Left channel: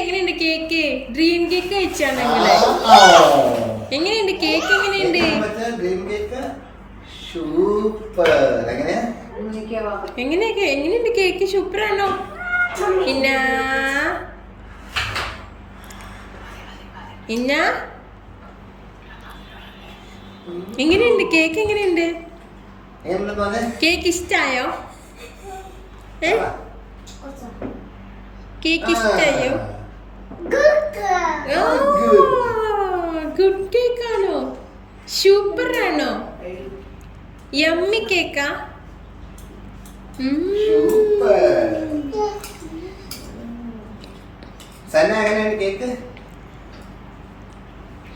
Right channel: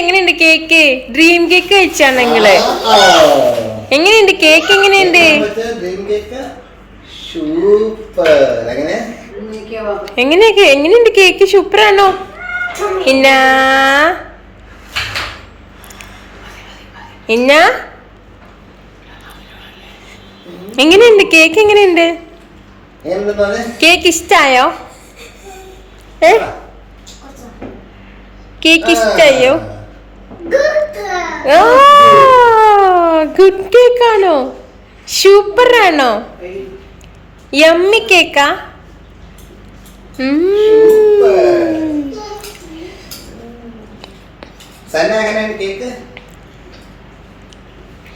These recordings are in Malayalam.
എങ്ങനെയുണ്ട് കേക്ക്? ഡ്രീം കേക്ക് കഴിച്ചാണ് നിങ്ങള്? എങ്ങനെയുണ്ട് കേക്ക്? എങ്ങനെയുണ്ട്? എങ്ങനെയുണ്ട് കേക്ക്? സൂപ്പറാണോ? ഇന്ന എങ്ങനെയുണ്ട് കേക്ക്? എങ്ങനെയുണ്ട് കേക്ക്? ഇഷ്ടായോ? കേക്ക് ഇഷ്ടായോ? ഗുഡ് കേക്കാണോ? സൂപ്പറാണോ? യമ്മി കേക്കാ?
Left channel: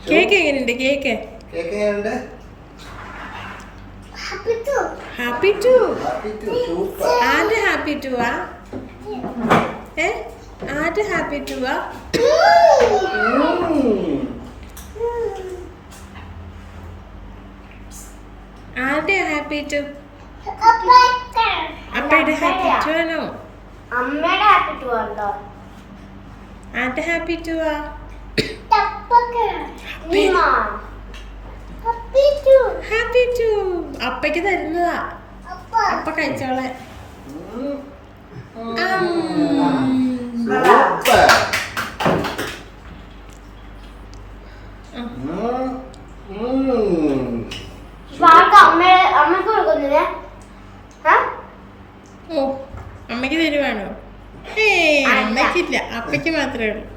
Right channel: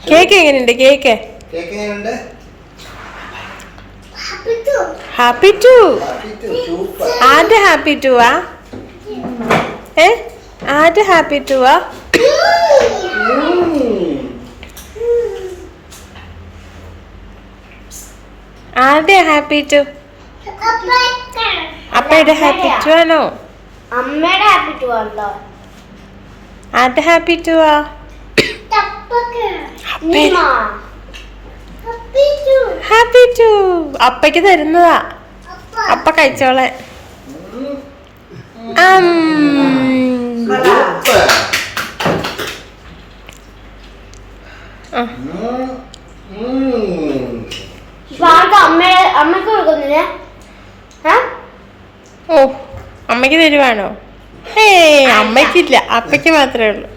കേക്ക് എങ്ങനെയുണ്ട്? കേക്ക് ഹാപ്പി ടു ആരുടെ ഹാപ്പി ടു ആ? ആരുടെ ഹാപ്പി ടു ആ? ആരുടെ ഹാപ്പി ടു? അപ്പയുടെ ഹാപ്പി ടു ആണോ? അമ്മയുടെ ഹാപ്പി ടു ആണോ? ആരുടെ ഹാപ്പി ടു ആ? ഹാപ്പി ടു അപ്പയ്ക്ക് തരുന്നതാ. അപ്പ കഴിച്ചോളെ. അമ്മക്ക് കൊടുക്കുന്നില്ല. ഓ അമ്മയ്ക്ക് തരുവാണോ? അമ്മയ്ക്കില്ല, അപ്പയ്ക്ക് മാത്രമേ ഉള്ളൂ.